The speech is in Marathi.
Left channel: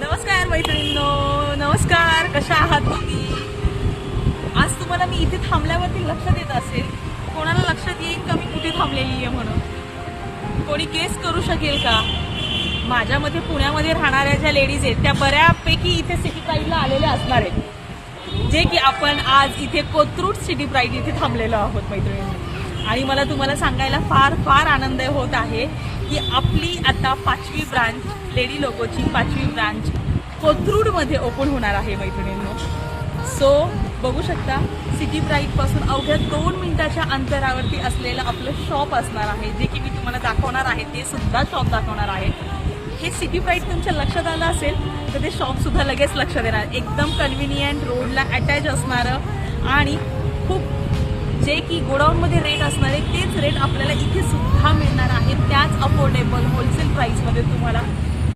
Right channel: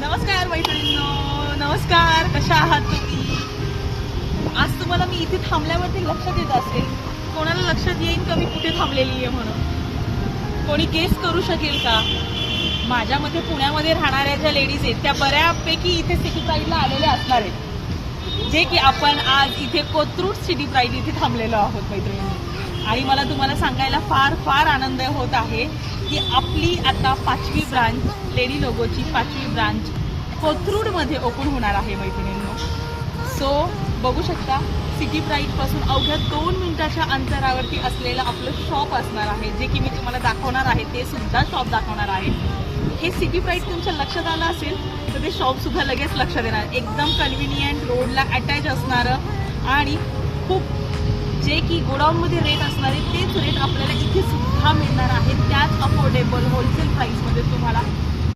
नमस्कार मैत्रिणींनो, नमस्कार. कशा आहात तुम्ही? आज तुम्हाला मी इथे थांबल्यावरती लक्षात येत असेल, कोणाला लक्षात येईल का मी कुठे थांबलेली आहे म्हणून? कोणी गेस करू शकेल का? माझ्यामध्ये पुण्यामध्ये राहणाऱ्या ज्या लेडीज आहेत त्या बऱ्यापैकी इथे सिटी प्राईडला आलेल्या असणार आहेत, जे की आपण आज इथे कोथरूड सिटी प्राईड इथे थांबलेलो आहोत मैत्रिणी. आणि मला तुम्हाला सांगायला फार फार आनंद होत आहे की आपली आता 5वी ब्रांच, लेडी लोगोची 5वी ब्रांच कोथरूडमध्ये ओपन होणार आहे मैत्रिणींनो. सो बघू शकता, सिटी प्राईडपासून अवघ्या 2 मिनिटाच्या अंतरावरती असलेलं आपलं शॉप असणार आहे, जे की मी तुम्हाला दाखवणार आहे. ते सुद्धा शॉप दाखवणार आहे. हे सिटी प्राईड तुमच्या लक्षात आलं असेल तर ते शॉपसुद्धा लगेच लक्षात येणार. एकदम कन्व्हिनियंट, रोडला अटॅच असणारं आणि खूप जे की गोडाऊनमध्ये रेट असणार आहे तेच रेट आपल्याला इथे सुद्धा मिळणार आहे. त्याच अफोर्डेबल होलसेल प्राईसमध्ये तुम्हाला